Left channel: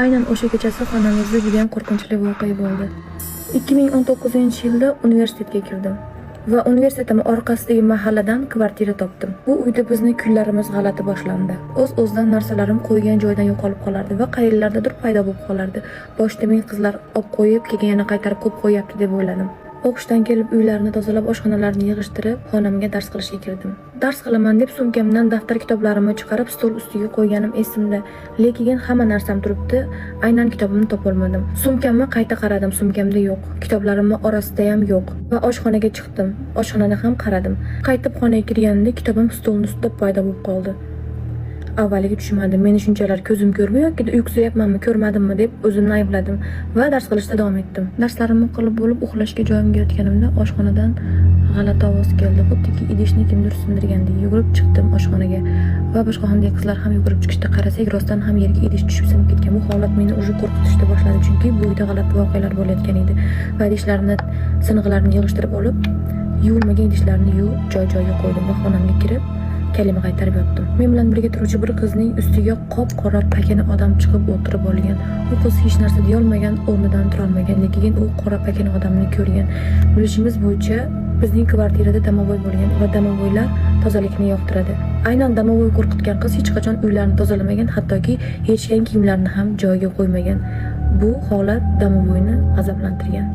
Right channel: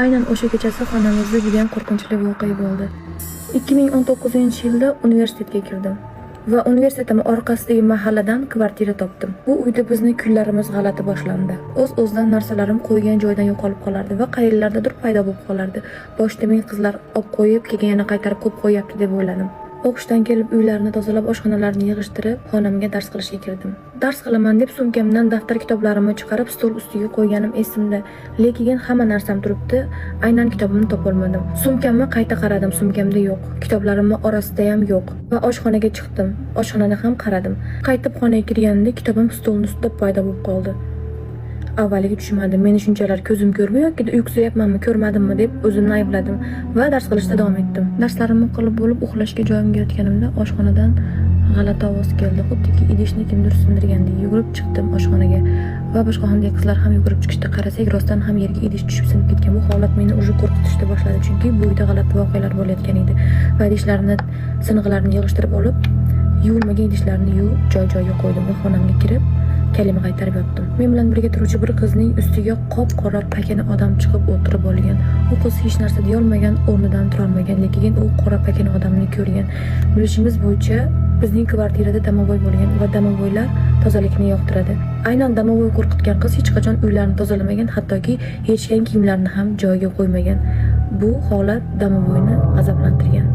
Aynan o'sha kechasi xonamizda juda qo'rqinchli voqea bo'ldi. 2019-yilda universitetga kirdim va universitetim orqasidagi mahalladan kvartira topdim. Bu uyda bizning kunlarimiz g'alati boshlandi. O'z-o'zidan narsalarim qo'ygan joydan yo'qolib qolardi va qayerlardadir paydo bo'lib qolardi. Boshda men qizlar olib qo'yib, keyin yana qaytarib qo'yib qo'yapti deb o'yladim. O'qishdan kelib uylarni tozalab, oshxonalarni yig'ishtirib, xonamga dars qilishga kirdim. Dars qilaman deb sumkamdan daftar kitoblarimni chiqarib stol ustiga qo'yganim esimda, lekin hamma narsam turibdi, aynan kitobimni topolmadim. Sumkamni qayta qaradim, sumkamda yo'q. Kitoblarimni orasida ham yo'q va oshxonaga chiqdim. Oshxonani ham qaradim. Qaytib xonaga kirganimda kitobim stolning ustida paydo bo'lib qoldi. Avvaliga tushunmadim. Meni shunchalar ko'zim ko'rmi yoki uyqusayapmanmi, ko'rmadimmi deb o'zimni aybladim va dars qilishda davom etdim. Darslarimni qilib bo'lib uxlashga joyimga yotganimda oshxonadan g'alati ovoz keldi. Xuddiki idishni kimdir sindirgandek yugurib chiqdim oshxonaga va boshqa xonadagi qizlar ham yugurib chiqishdi. Qarasak, rostdan ham yerga idish tushib sinib ketgan. Bu holat meni уже qo'rqitishga boshladi, chunki bu uyda g'alati voqealar bo'layotgan edi. Va idishlarni, sinig'larni yig'ishtirib olib, yuvilmagan idishlarni yuvib joy-joyiga qo'ydim va xonamga kirib kalima qaytarib yotdim. Men bilan birga turuvchi bir qizning ustiga qop-qora pakana odam chiqib o'tirib olgan. U qiz hech narsa deya olmagan, o'rnidan tura olmagan, lekin u qora pakana odamni ko'rgan. Bilishimiz bo'yicha bizning kvartirada domovoy bo'lgan va domovoylar tozalikni yoqtiradi. Aynan domovoy qo'rqitgan qiz hech qachon uylarini tozalamagan, hattoki yechgan kiyimlarini ham joyiga qo'ymagan. Bu holat domovoyni g'azablantirgan.